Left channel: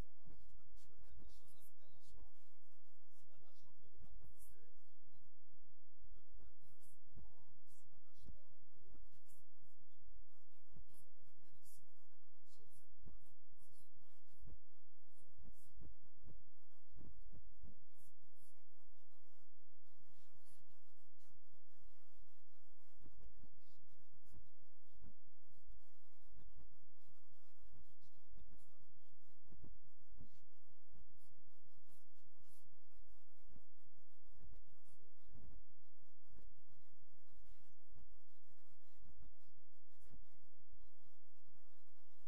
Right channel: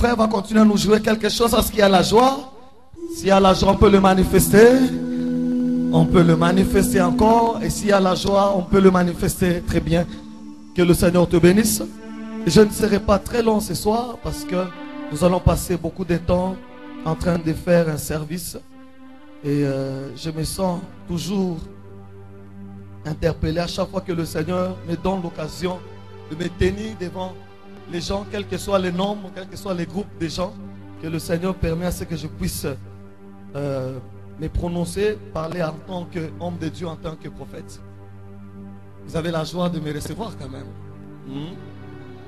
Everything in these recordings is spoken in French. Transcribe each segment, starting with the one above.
frère va continuer à nous jouer quelque chose parce qu'il y a la joie. S'il y a la joie, on peut le manifester. On peut le manifester encore. Et s'il y a la joie, on peut le manifester très bien. Que le Seigneur te bénisse. Je ne serai pas très long ce soir parce que nous allons passer beaucoup de temps en train de faire un service. Et je me sens toujours interpellé à chaque fois que le Seigneur me donne l'occasion de me tenir devant les gens, quel que soit le nombre, quel que soit les groupes de gens, que le Seigneur permet à ce que je puisse me prononcer, parler en tant qu'homme de Dieu, en tant que prophète. Vous avez la joie de me recevoir quand même. Vous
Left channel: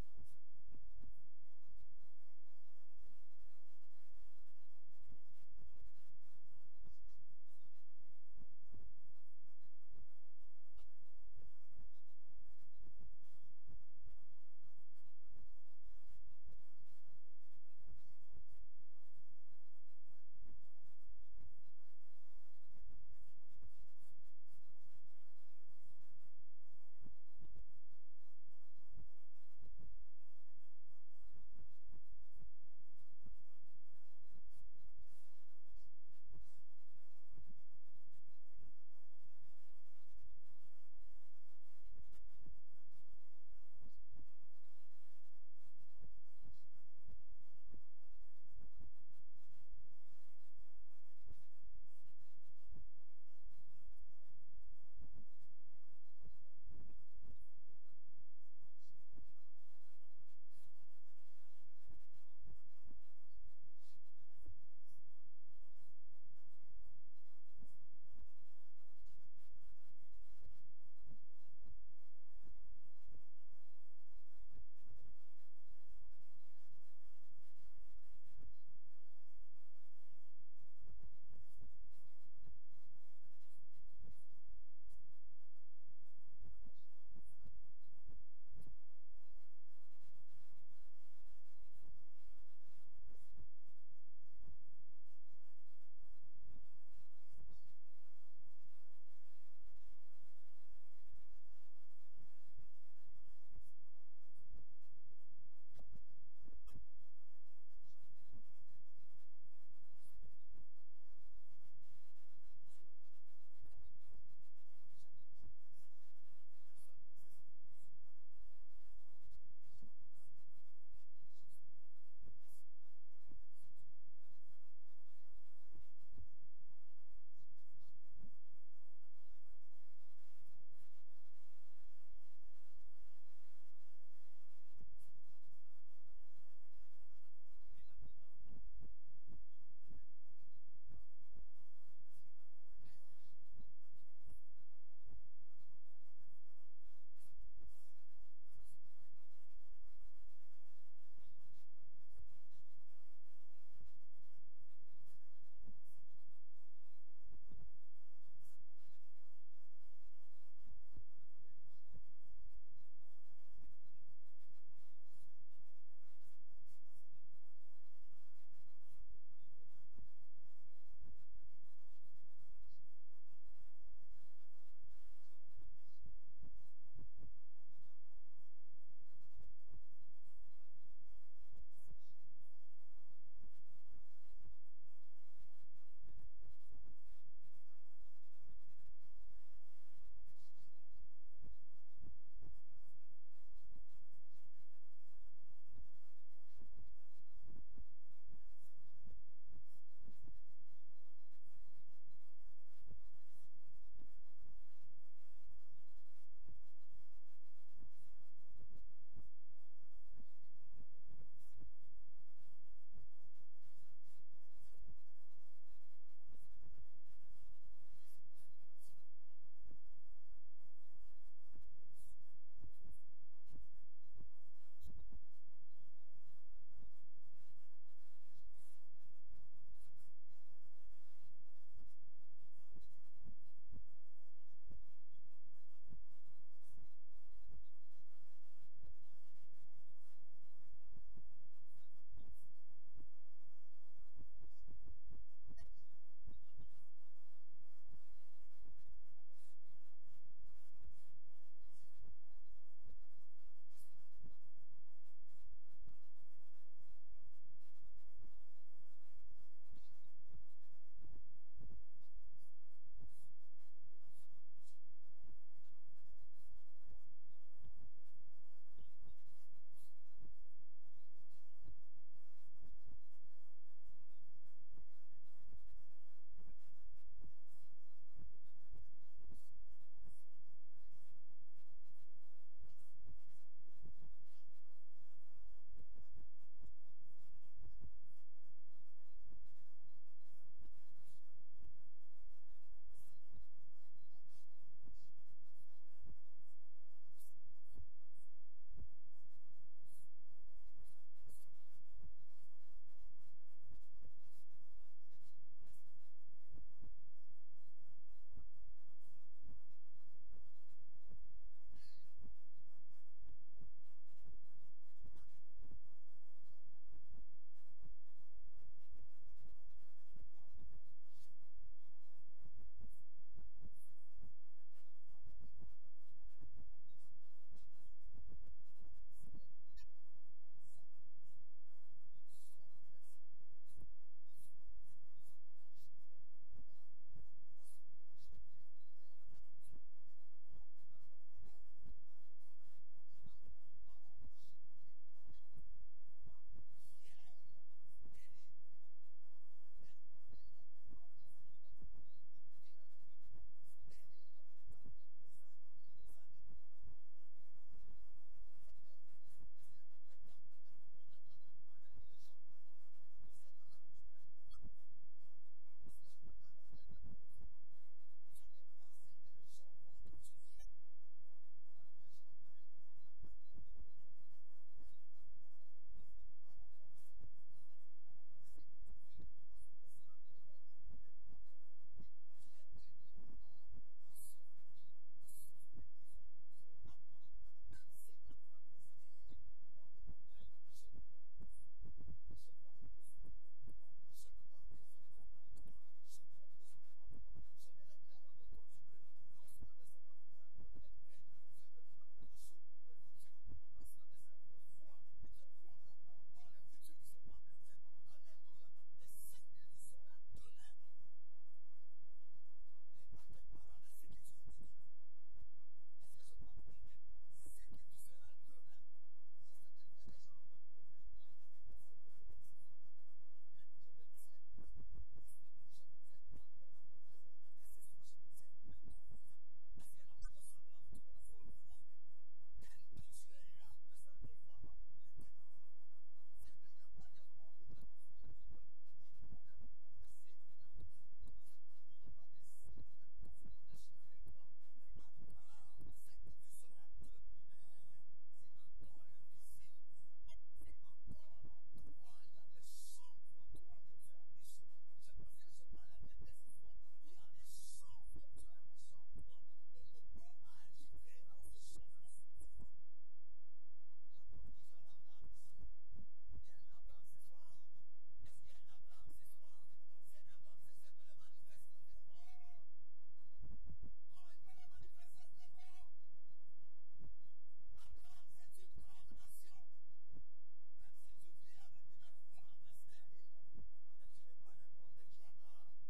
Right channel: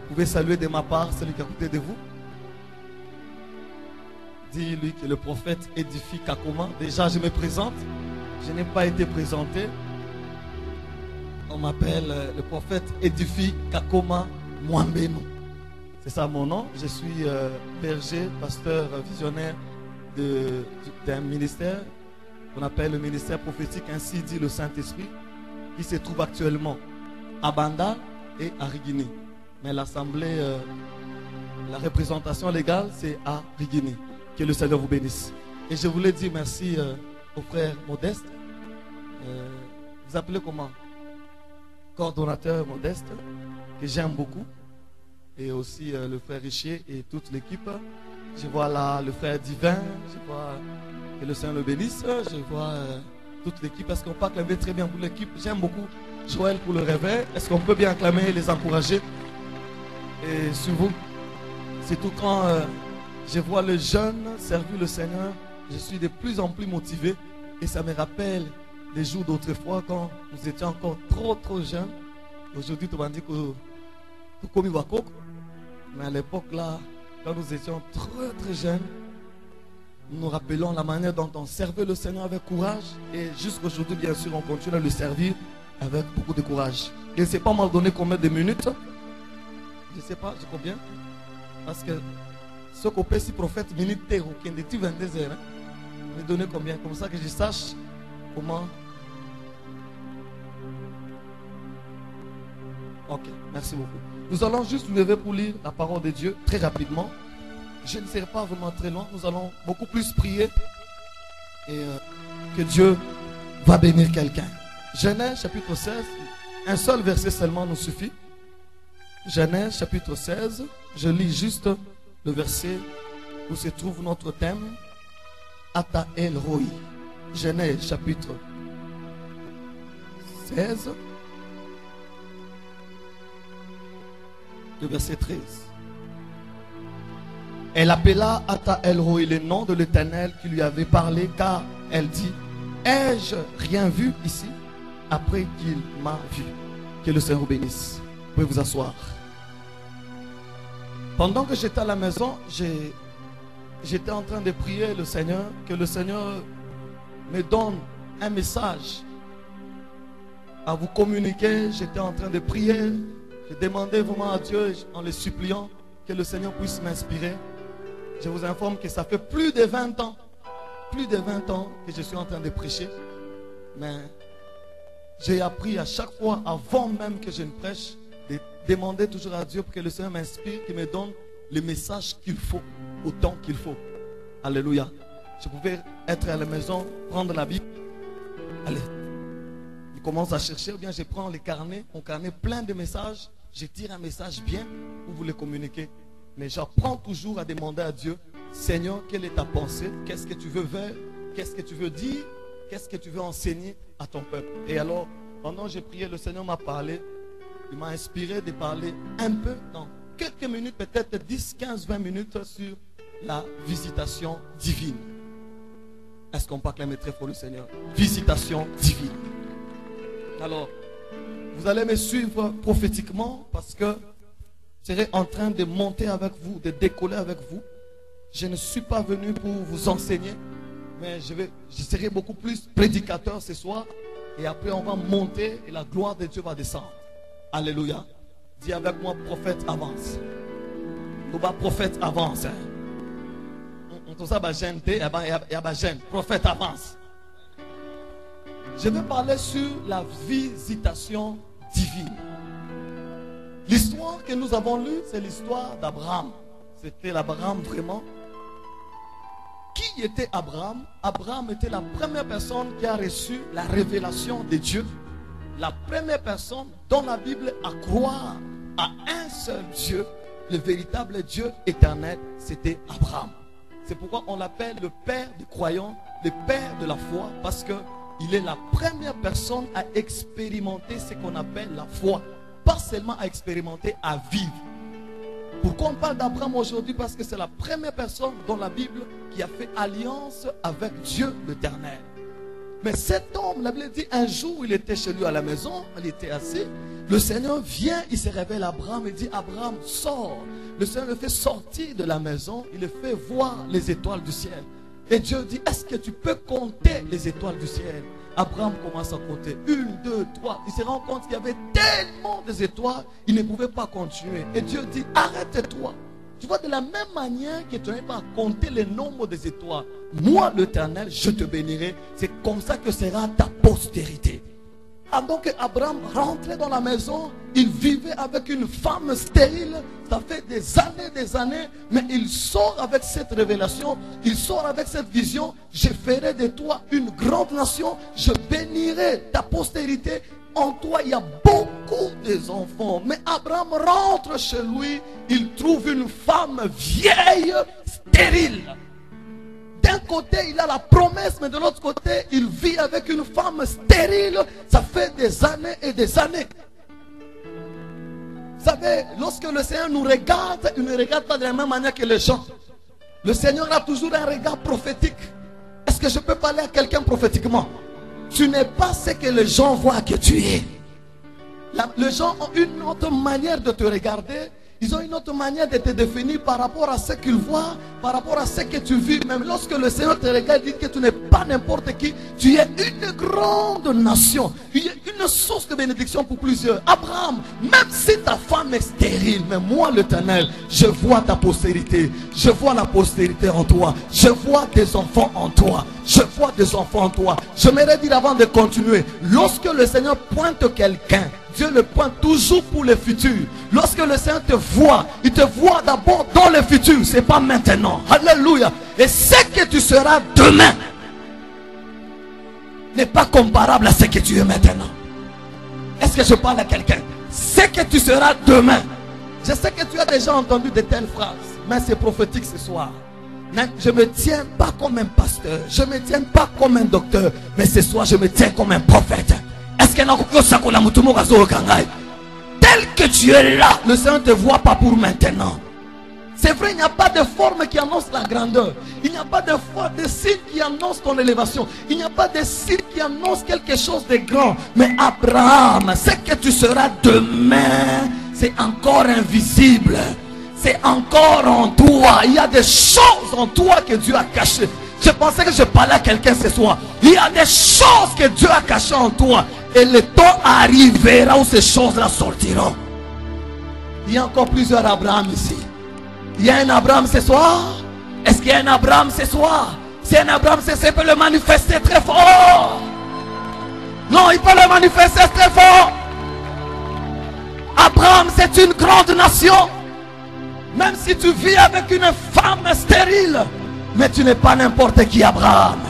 pouvez saluer de ma part celui qui est à côté de vous. Dis-lui que le prophète édifie Kakoma. Déjà, je me présente. Je n'ai pas été présenté. On m'appelle le prophète édifie Kakoma Mwambenu. C'est ça mon nom. Je suis berger, pasteur, visionnaire d'un ministère qu'on appelle le ministère prophétique, ainsi dit le Saint-Esprit, qui se trouve actuellement à Banda et à Rigini. Mais l'assemblée, la représentation légale, c'est à Rigini. Que le Seigneur vous bénisse. Et je voulais dire merci au frère Modeste. Vous appelez comment? Coordonnateur Modeste, que j'aime beaucoup. Et aussi le frère Richier et toute l'équipe. Je vois là le frère Divin. Je vois que le Seigneur le bénisse. Je vois toute l'équipe. Est-ce qu'on peut acclamer très bien pour l'équipe? J'aime beaucoup Joël pour le réveil. Est-ce qu'on peut bien acclamer et les encourager? Et sur vous, c'est tout quand je vois le jeune servir le Seigneur, je suis de plus en plus motivé. Et ça me rappelle les jours d'autrefois quand nous étions encore trop jeunes. Aujourd'hui, tout le monde dit que tout comme il va coco. Mais à l'époque là, quand nous étions très jeunes, nous nous rappelons la manière dont on servait le Seigneur avec courage. Et jusqu'aujourd'hui, bien sûr, on continue à le servir avec beaucoup de courage. Je ne sais pas m'en donner combien de minutes. Je ne sais pas, je combien. Parce que ce qu'on peut si prophète minute ou qui est 22 heures. Me donner combien? Comme ça que je sache comment. Ok, merci beaucoup. Nous allons juste nous lever pour lire la parole de Dieu très rapidement. Je ne serai pas vraiment très loin. Nous allons beaucoup plus prier. Et que Dieu va bénir quelqu'un. Genèse chapitre 16. Un seul verset seulement nous suffit. Genèse chapitre 16. Je lis juste le verset où se trouve notre thème. Ata El Roi. Genèse chapitre 16. Le verset 13. Elle appela Ata El Roi le nom de l'Éternel qui lui avait parlé, car elle dit: ai-je rien vu ici après qu'il m'a vu? Que le Seigneur vous bénisse. Vous pouvez vous asseoir. Pendant que j'étais à la maison, j'étais en train de prier le Seigneur, que le Seigneur me donne un message à vous communiquer. J'étais en train de prier. Je demandais vraiment à Dieu, en le suppliant, que le Seigneur puisse m'inspirer. Je vous informe que ça fait plus de 20 ans que je suis en train de prêcher. Mais j'ai appris à chaque fois, avant même que je ne prêche, de demander toujours à Dieu pour que le Seigneur m'inspire, qu'il me donne le message qu'il faut, au temps qu'il faut. Alléluia. Je pouvais être à la maison, prendre la Bible. Allez, je commence à chercher, ou bien je prends les carnets, mon carnet plein de messages. Je tire un message bien pour vous le communiquer. Mais j'apprends toujours à demander à Dieu: Seigneur, quelle est ta pensée? Qu'est-ce que tu veux faire? Qu'est-ce que tu veux dire? Qu'est-ce que tu veux enseigner à ton peuple? Et alors, pendant que j'ai prié, le Seigneur m'a parlé. Il m'a inspiré de parler un peu, dans quelques minutes, peut-être 10, 15, 20 minutes, sur la visitation divine. Est-ce qu'on peut acclamer très fort le Seigneur? Visitation divine. Alors, vous allez me suivre prophétiquement parce que je serai en train de monter avec vous, de décoller avec vous. Je ne suis pas venu pour vous enseigner, mais je serai beaucoup plus prédicateur ce soir. Et après, on va monter et la gloire de Dieu va descendre. Alléluia. Dis avec moi: prophète avance. Prophète avance. Prophète avance. Je vais parler sur la visitation divine. L'histoire que nous avons lue, c'est l'histoire d'Abraham. C'était l'Abraham vraiment. Qui était Abraham? Abraham était la première personne qui a reçu la révélation de Dieu. La première personne dans la Bible à croire à un seul Dieu, le véritable Dieu éternel, c'était Abraham. C'est pourquoi on l'appelle le père des croyants, le père de la foi, parce qu'il est la première personne à expérimenter ce qu'on appelle la foi. Pas seulement à expérimenter, à vivre. Pourquoi on parle d'Abraham aujourd'hui? Parce que c'est la première personne dans la Bible qui a fait alliance avec Dieu l'Éternel. Mais cet homme, la Bible dit, un jour il était chez lui à la maison, il était assis. Le Seigneur vient, il se révèle à Abraham et dit, Abraham, sors. Le Seigneur le fait sortir de la maison, il le fait voir les étoiles du ciel. Et Dieu dit, est-ce que tu peux compter les étoiles du ciel? Abraham commence à compter. 1, 2, 3. Il se rend compte qu'il y avait tellement d'étoiles, il ne pouvait pas continuer. Et Dieu dit, arrête-toi. Tu vois, de la même manière que tu n'arrives pas à compter le nombre des étoiles, moi, l'Éternel, je te bénirai. C'est comme ça que sera ta postérité. Donc Abraham rentrait dans la maison, il vivait avec une femme stérile, ça fait des années, mais il sort avec cette révélation, il sort avec cette vision, je ferai de toi une grande nation, je bénirai ta postérité, en toi il y a beaucoup d'enfants. Mais Abraham rentre chez lui, il trouve une femme vieille, stérile. D'un côté, il a la promesse, mais de l'autre côté, il vit avec une femme stérile. Ça fait des années et des années. Vous savez, lorsque le Seigneur nous regarde, il ne regarde pas de la même manière que les gens. Le Seigneur a toujours un regard prophétique. Est-ce que je peux parler à quelqu'un prophétiquement? Tu n'es pas ce que les gens voient que tu es. Les gens ont une autre manière de te regarder. Ils ont une autre manière de te définir par rapport à ce qu'ils voient, par rapport à ce que tu vis. Même lorsque le Seigneur te regarde, il dit que tu n'es pas n'importe qui. Tu es une grande nation. Tu es une source de bénédiction pour plusieurs. Abraham, même si ta femme est stérile, mais moi l'Éternel, je vois ta postérité. Je vois la postérité en toi. Je vois des enfants en toi. Je vois des enfants en toi. J'aimerais dire avant de continuer, lorsque le Seigneur pointe quelqu'un, Dieu le pointe toujours pour le futur. Lorsque le Seigneur te voit, il te voit d'abord dans le futur. Ce n'est pas maintenant. Alléluia. Et ce que tu seras demain n'est pas comparable à ce que tu es maintenant. Est-ce que je parle à quelqu'un? Ce que tu seras demain. Je sais que tu as déjà entendu de telles phrases, mais c'est prophétique ce soir. Je ne me tiens pas comme un pasteur. Je ne me tiens pas comme un docteur. Mais ce soir, je me tiens comme un prophète. Est-ce que tel que tu es là, le Seigneur ne te voit pas pour maintenant. C'est vrai, il n'y a pas de forme qui annonce la grandeur. Il n'y a pas de signe qui annonce ton élévation. Il n'y a pas de signe qui annonce quelque chose de grand. Mais Abraham, ce que tu seras demain, c'est encore invisible. C'est encore en toi. Il y a des choses en toi que Dieu a cachées. Je pensais que je parlais à quelqu'un ce soir. Il y a des choses que Dieu a cachées en toi. Et le temps arrivera où ces choses-là sortiront. Il y a encore plusieurs Abraham ici. Il y a un Abraham ce soir. Est-ce qu'il y a un Abraham ce soir? Si un Abraham ce soir, il peut le manifester très fort. Non, il peut le manifester très fort. Abraham, c'est une grande nation. Même si tu vis avec une femme stérile, mais tu n'es pas n'importe qui, Abraham.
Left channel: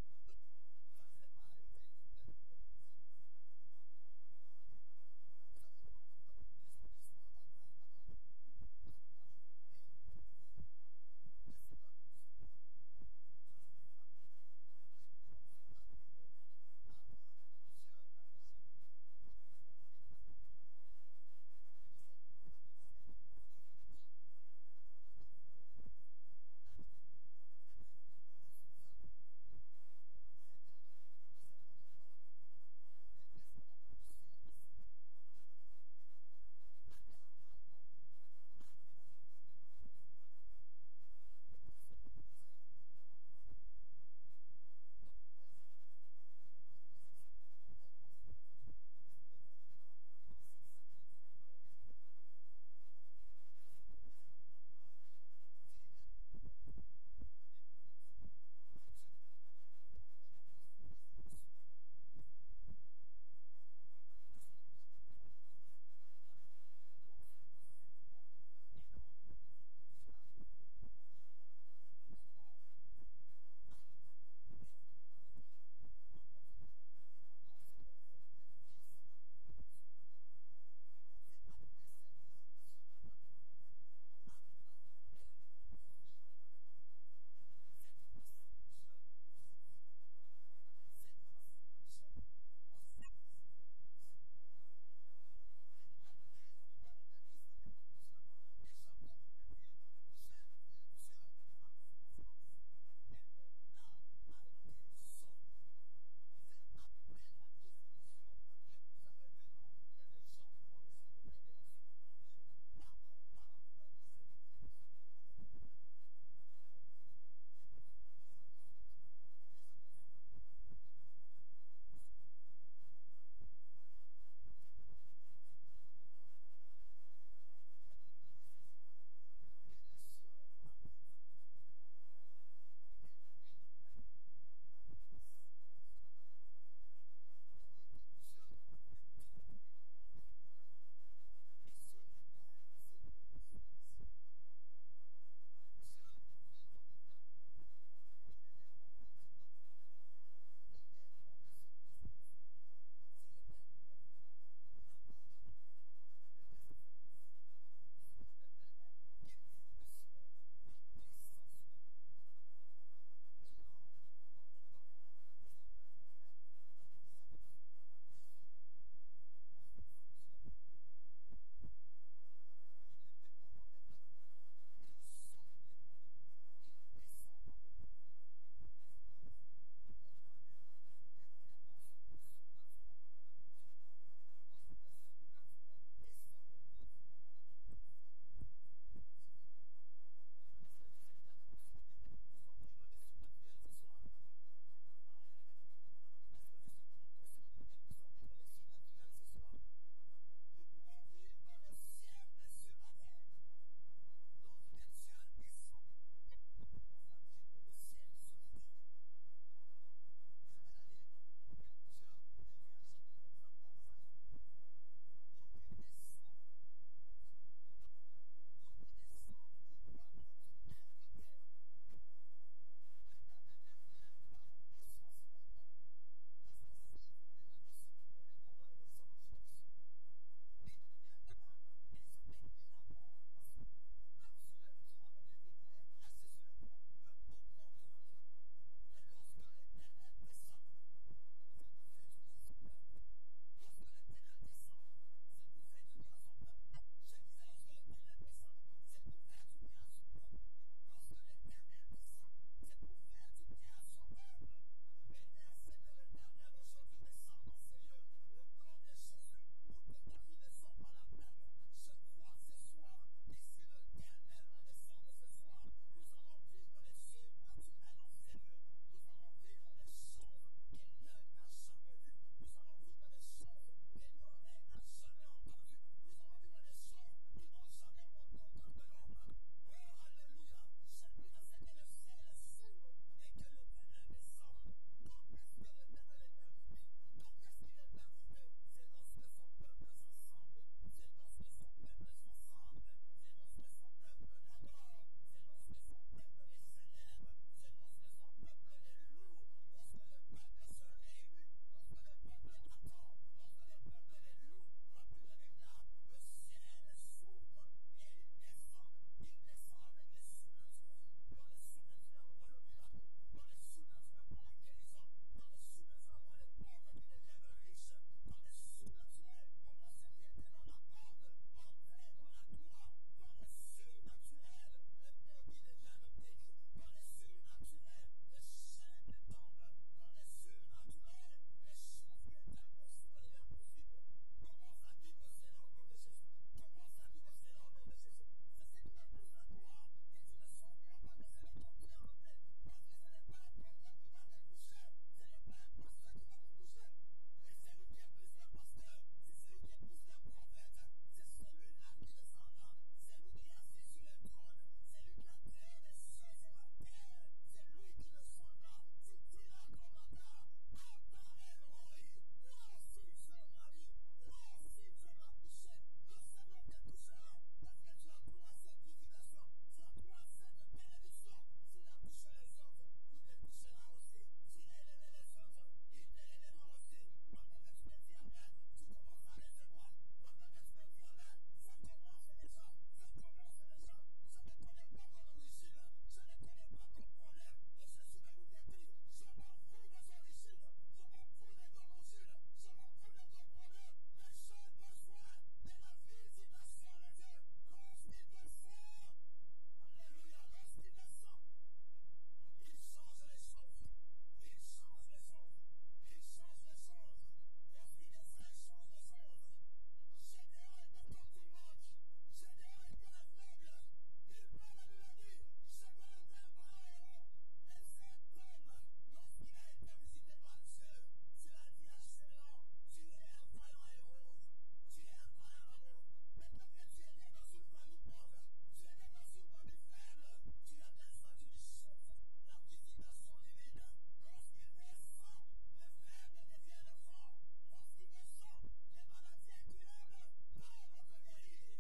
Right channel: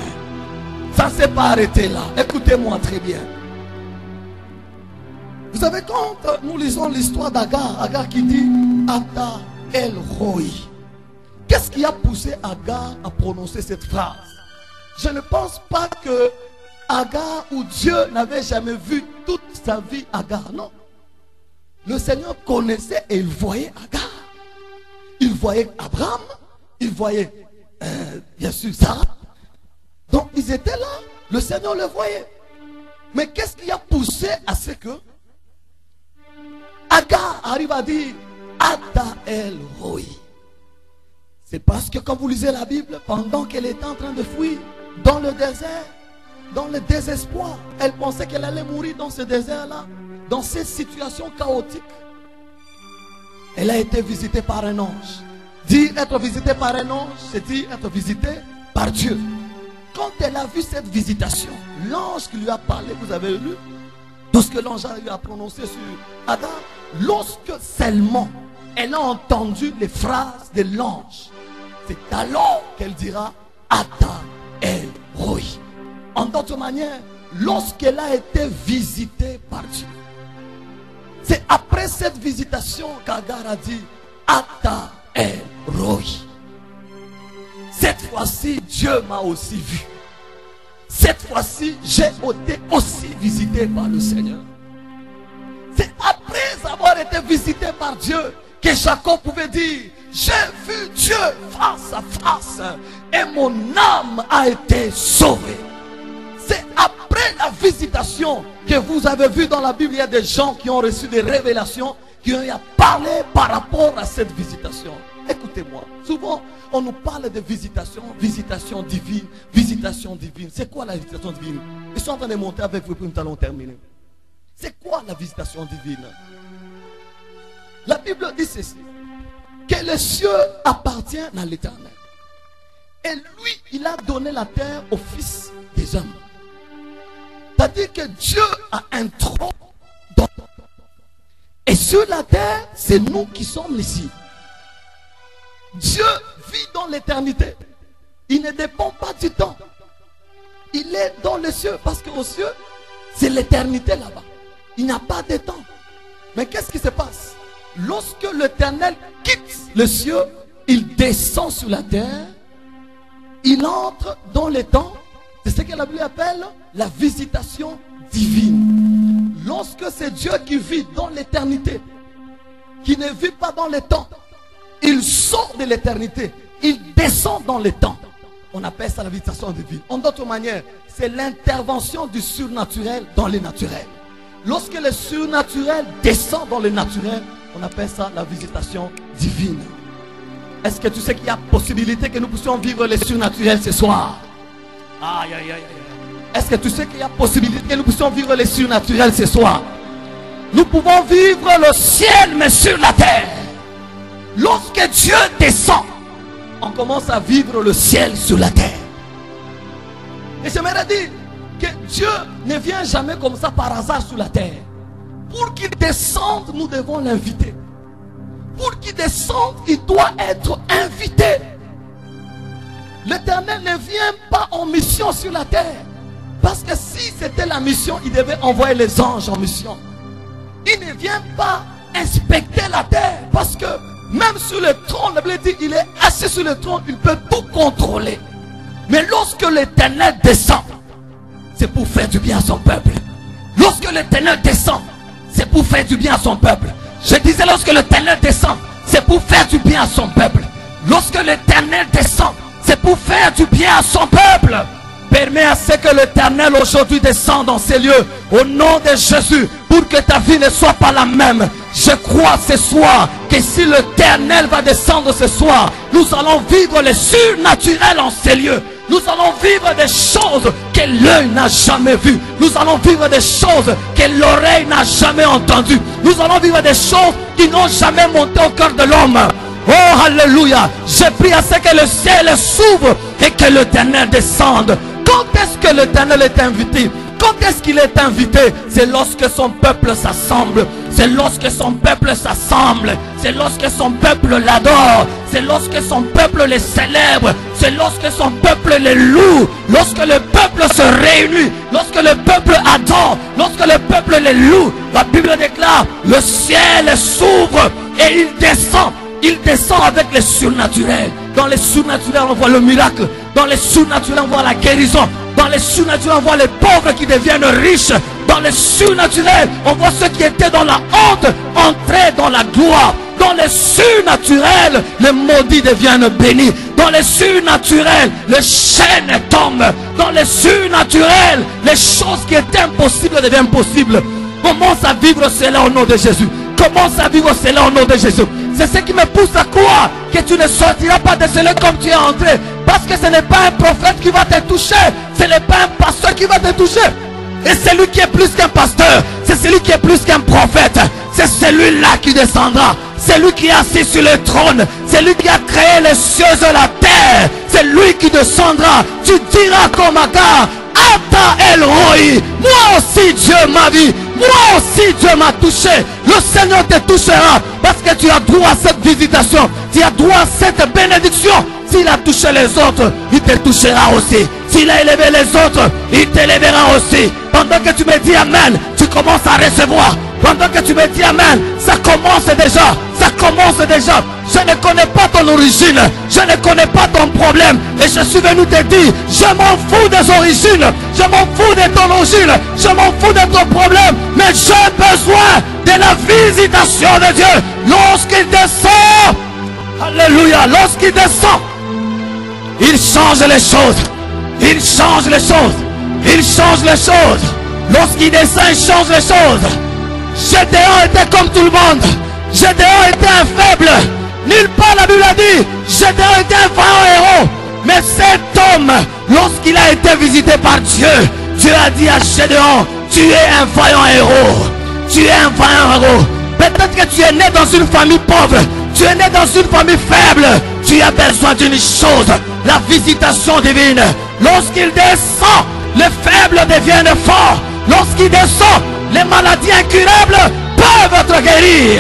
Ça ne s'est pas arrêté là. Écoutez-moi très bien. Vous savez, quand nous lisons l'histoire d'Agar, Agar qui dit Ata El Roi, qu'est-ce qui a poussé Agar à prononcer cette phrase? Je ne pense pas que Agar ou Dieu n'avait jamais vu toute sa vie Agar. Non. Le Seigneur connaissait et il voyait Agar. Il voyait Abraham, il voyait bien sûr Sarah. Donc ils étaient là, le Seigneur le voyait. Mais qu'est-ce qui a poussé à ce que Agar arrive à dire Ata El Roi? C'est parce que quand vous lisez la Bible, pendant qu'elle était en train de fuir dans le désert, dans le désespoir, elle pensait qu'elle allait mourir dans ce désert-là, dans cette situation chaotique. Elle a été visitée par un ange. Dire être visité par un ange, c'est dire être visité par Dieu. Quand elle a vu cette visitation, l'ange qui lui a parlé, vous avez lu, tout ce que l'ange a prononcé sur Adam, lorsque seulement elle a entendu les phrases de l'ange. C'est alors qu'elle dira Ata El Roi. En d'autres manières, lorsqu'elle a été visitée par Dieu, c'est après cette visitation qu'Agar a dit Ata El Roi. Cette fois-ci, Dieu m'a aussi vu. Cette fois-ci, j'ai été aussi visité par le Seigneur. C'est après avoir été visité par Dieu que Jacob pouvait dire j'ai vu Dieu face à face et mon âme a été sauvée. C'est après la visitation que vous avez vu dans la Bible, il y a des gens qui ont reçu des révélations, qui ont parlé par rapport à cette visitation. Écoutez-moi, souvent on nous parle de visitation, visitation divine, visitation divine. C'est quoi la visitation divine? Ils sont en train de monter avec vous, puis nous allons terminer. C'est quoi la visitation divine? La Bible dit ceci, que les cieux appartiennent à l'Éternel. Et lui, il a donné la terre au Fils des hommes. C'est-à-dire que Dieu a un trône dans... Et sur la terre, c'est nous qui sommes ici. Dieu vit dans l'éternité. Il ne dépend pas du temps. Il est dans les cieux. Parce qu'aux cieux, c'est l'éternité là-bas. Il n'y a pas de temps. Mais qu'est-ce qui se passe? Lorsque l'Éternel quitte les cieux, il descend sur la terre. Il entre dans les temps. C'est ce que la Bible appelle la visitation divine. Lorsque c'est Dieu qui vit dans l'éternité, qui ne vit pas dans les temps, il sort de l'éternité, il descend dans les temps. On appelle ça la visitation divine. En d'autres manières, c'est l'intervention du surnaturel dans les naturels. Lorsque le surnaturel descend dans le naturel, on appelle ça la visitation divine. Est-ce que tu sais qu'il y a possibilité que nous puissions vivre le surnaturel ce soir? Aïe, aïe, aïe, aïe. Est-ce que tu sais qu'il y a possibilité que nous puissions vivre le surnaturel ce soir? Nous pouvons vivre le ciel mais sur la terre. Lorsque Dieu descend, on commence à vivre le ciel sur la terre. Et j'aimerais dire que Dieu ne vient jamais comme ça par hasard sur la terre. Pour qu'il descende, nous devons l'inviter. Pour qu'il descende, il doit être invité. L'Éternel ne vient pas en mission sur la terre. Parce que si c'était la mission, il devait envoyer les anges en mission. Il ne vient pas inspecter la terre. Parce que même sur le trône, la Bible dit, il est assis sur le trône, il peut tout contrôler. Mais lorsque l'Éternel descend, c'est pour faire du bien à son peuple. Lorsque l'Éternel descend, c'est pour faire du bien à son peuple. Je disais, lorsque l'Éternel descend, c'est pour faire du bien à son peuple. Lorsque l'Éternel descend, c'est pour faire du bien à son peuple. Permets à ce que l'Éternel aujourd'hui descende dans ces lieux au nom de Jésus pour que ta vie ne soit pas la même. Je crois ce soir que si l'Éternel va descendre ce soir, nous allons vivre le surnaturel en ces lieux. Nous allons vivre des choses que l'œil n'a jamais vues. Nous allons vivre des choses que l'oreille n'a jamais entendues. Nous allons vivre des choses qui n'ont jamais monté au cœur de l'homme. Oh, alléluia. Je prie à ce que le ciel s'ouvre et que l'Éternel descende. Quand est-ce que l'Éternel est invité? Quand est-ce qu'il est invité? C'est lorsque son peuple s'assemble. C'est lorsque son peuple s'assemble. C'est lorsque son peuple l'adore. C'est lorsque son peuple le célèbre. C'est lorsque son peuple le loue. Lorsque le peuple se réunit. Lorsque le peuple adore. Lorsque le peuple le loue. La Bible déclare, le ciel s'ouvre et il descend. Il descend avec le surnaturel. Dans les surnaturels, on voit le miracle. Dans les surnaturels, on voit la guérison. Dans les surnaturels, on voit les pauvres qui deviennent riches. Dans les surnaturels, on voit ceux qui étaient dans la honte entrer dans la gloire. Dans les surnaturels, les maudits deviennent bénis. Dans les surnaturels, les chaînes tombent. Dans les surnaturels, les choses qui étaient impossibles deviennent possibles. Commence à vivre cela au nom de Jésus. Commence à vivre cela au nom de Jésus. C'est ce qui me pousse à croire que tu ne sortiras pas de cela comme tu es entré. Parce que ce n'est pas un prophète qui va te toucher. Ce n'est pas un pasteur qui va te toucher. Et celui qui est plus qu'un pasteur, c'est celui qui est plus qu'un prophète. C'est celui-là qui descendra. C'est lui qui est assis sur le trône. C'est lui qui a créé les cieux et la terre. C'est lui qui descendra. Tu diras comme Agar, Ata El Roi. Moi aussi Dieu m'a vu. Moi aussi Dieu m'a touché. Le Seigneur te touchera parce que tu as droit à cette visitation. Tu as droit à cette bénédiction. S'il a touché les autres, il te touchera aussi. S'il a élevé les autres, il t'élèvera aussi. Pendant que tu me dis Amen, tu commences à recevoir. Pendant que tu me dis Amen, ça commence déjà. Ça commence déjà. Je ne connais pas ton origine. Je ne connais pas ton problème. Et je suis venu te dire, je m'en fous des origines. Je m'en fous de ton origine. Je m'en fous de ton problème. Mais j'ai besoin de la visitation de Dieu. Lorsqu'il descend, alléluia, lorsqu'il descend, il change les choses. Il change les choses. Il change les choses. Lorsqu'il descend, il change les choses. Gédéon était comme tout le monde. Gédéon était un faible. Nulle part la Bible a dit Gédéon était un vaillant héros. Mais cet homme, lorsqu'il a été visité par Dieu, Dieu a dit à Gédéon, tu es un vaillant héros. Tu es un vaillant héros. Peut-être que tu es né dans une famille pauvre. Tu es né dans une famille faible. Tu as besoin d'une chose, la visitation divine. Lorsqu'il descend, les faibles deviennent forts. Lorsqu'il descend, les maladies incurables peuvent être guéries.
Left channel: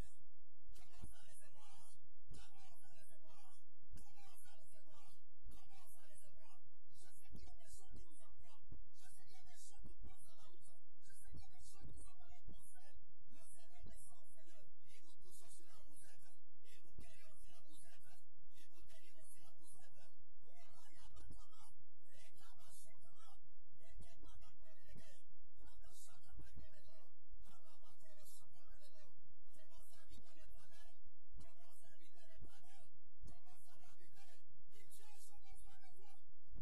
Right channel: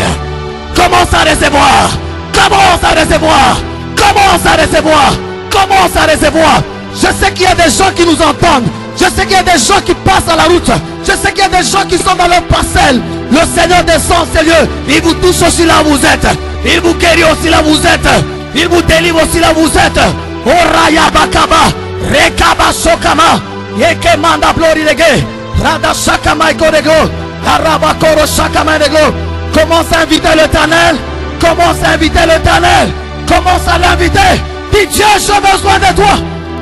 Commence à recevoir. Commence à recevoir. Commence à recevoir. Commence à recevoir. Je sais qu'il y a des gens qui nous entendent. Je sais qu'il y a des gens qui passent à la route. Je sais qu'il y a des gens qui sont dans leur parcelle. Le Seigneur descend en ces lieux. Il vous touche aussi là où vous êtes. Il vous guérit aussi là où vous êtes. Il vous délivre aussi là où vous êtes. Oraya bakaba. Rekaba sokama. Yeke manda glorige. Rada shakama ikorego. Arabakoro shakama nego. Commence à inviter l'Éternel. Commence à inviter l'Éternel. Commence à l'inviter. Dis Dieu, j'ai besoin de toi.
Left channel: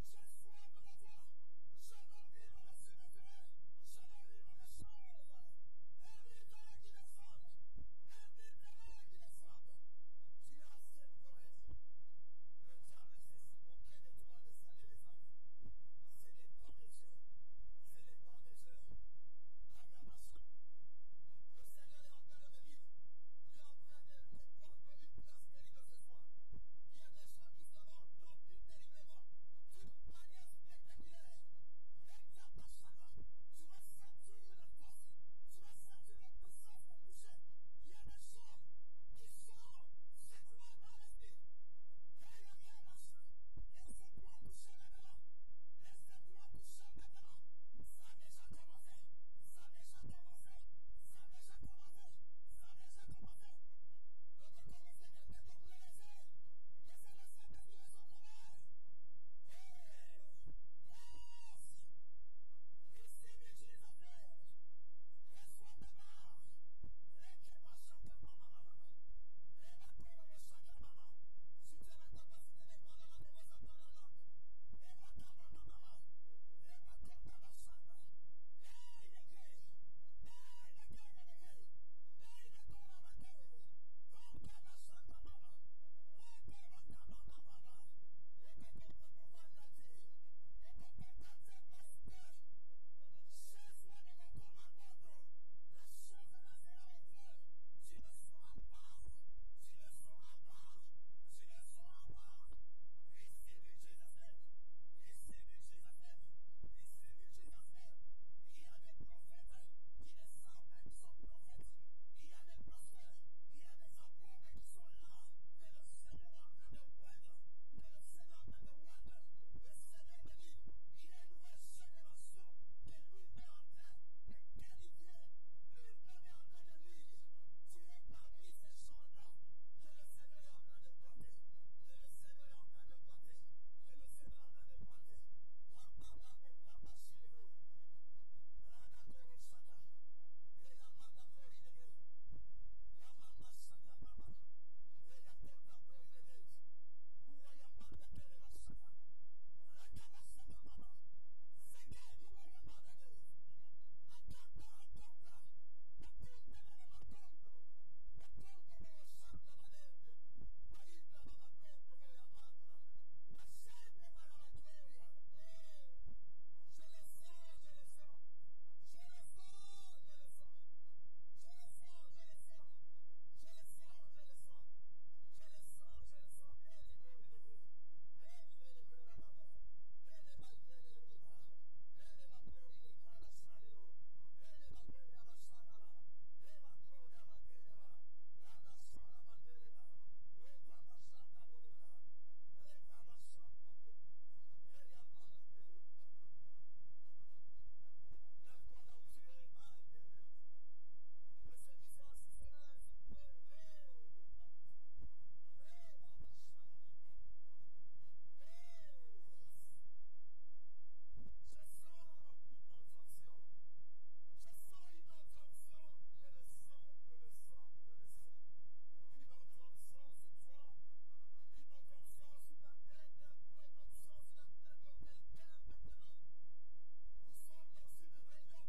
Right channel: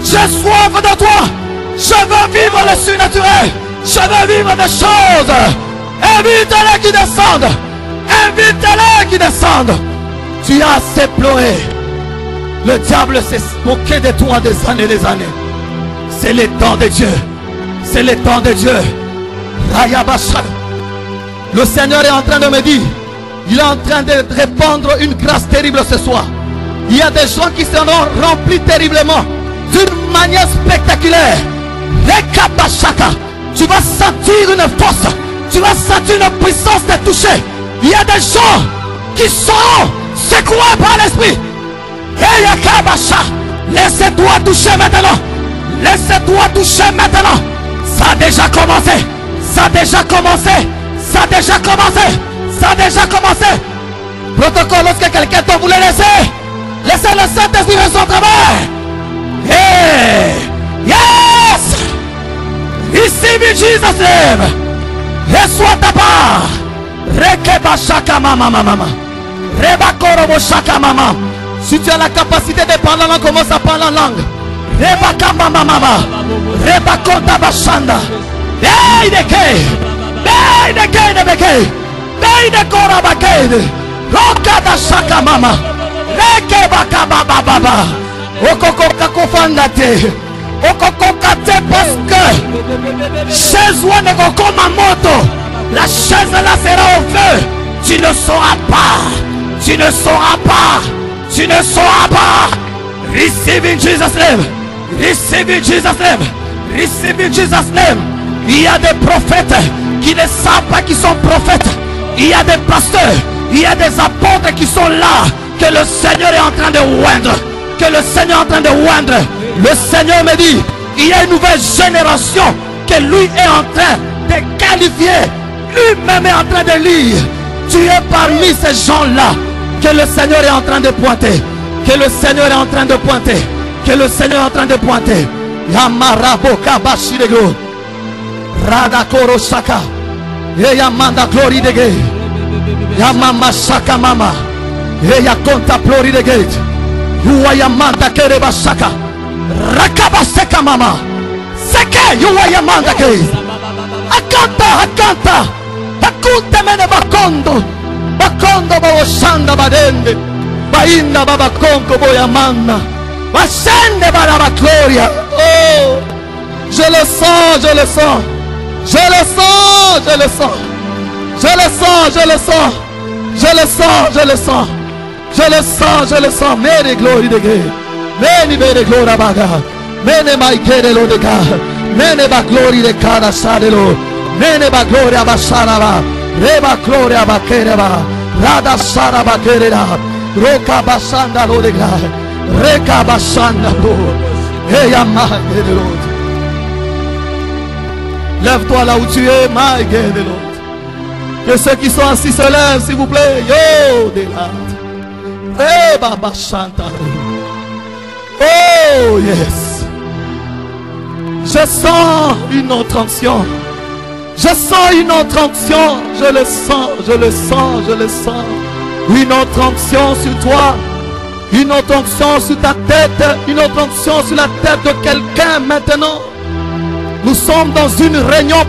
J'ai soif de toi. Je veux vivre le surnaturel. Je veux vivre des choses. Invite-les qui descendent. Invite-les qui descendent. Tu as assez pleuré. Le diable s'est moqué de toi des années et des années. C'est le temps de Dieu. C'est le temps de Dieu. Le Seigneur est en train de me dire, il est en train de répandre une grâce terrible ce soir. Il y a des gens qui seront remplis terriblement, d'une manière spectaculaire. Tu vas sentir une force, tu vas sentir une puissance de toucher. Il y a des gens qui seront secoués par l'esprit. Laissez-toi toucher maintenant. Laissez-toi toucher maintenant. Ça a déjà commencé. Ça a déjà commencé. Ça a déjà commencé. Ça a déjà commencé. Protocole, lorsque quelqu'un te voulait laisser, laissez le Saint-Esprit faire son travail. Hey! Yes! Receive in Jesus' name. Reçois ta part. Rekeba shaka mama mama. Reba korobo shaka mama. Si tu as la capacité de parler en langue, commence à parler en langue. Reba kama mama mama. Reba konta bashanda. Hey de ke. Hey de ke de beke. Hey de koraba ke. Roka da shaka mama. Rekeba kaba baba. Okoko kakofanda te. Okokokate parce que chaise ou ne kokoma moto. La chaise là sera au feu. Tu ne sauras pas. Tu ne sauras pas. Tu ne sauras pas. Receive in Jesus' name. Receive in Jesus' name. Receive in Jesus' name. Il y a des prophètes qui ne savent pas qu'ils sont prophètes. Il y a des pasteurs. Il y a des apôtres qui sont là. Que le Seigneur est en train de oindre. Que le Seigneur est en train de oindre. Le Seigneur me dit, il y a une nouvelle génération que lui est en train de qualifier. Lui-même est en train de lire. Tu es parmi ces gens-là que le Seigneur est en train de pointer. Que le Seigneur est en train de pointer. Que le Seigneur est en train de pointer. Yamarabo kabashirego. Radakoro shaka. Yamanda glory de gate. Yamama shaka mama. Yakonta glory de gate. Yuayamanda kereba shaka. Rakaba seka mama. Seke yuayamanda gate. Akanta akanta. Bakunte mene bakondo. Bakondo baoshanda badende. Bainda babakonko boyamanda. Bashende baraba gloria. Oh, je le sens, je le sens. Je le sens, je le sens. Je le sens, je le sens. Je le sens, je le sens. Je le sens, je le sens. Mene glory de Dieu. Mene mene gloria baga. Mene maikere lo de ga. Mene ba glory de kada sadelo. Neneba gloria basaraba. Reba gloria bakereba. Rada saraba kereba. Roka basanda lodegra. Reka basanda lo. Eya mague de l'autre. Lève-toi là où tu es, mague de l'autre. Que ceux qui sont assis se lèvent, s'il vous plaît. Yo, de là. Reba basanda. Oh, yes. Je sens une autre onction. Je sens une autre onction. Je le sens, je le sens, je le sens. Une autre onction sur toi. Une autre onction sur ta tête. Une autre onction sur la tête de quelqu'un maintenant. Nous sommes dans une réunion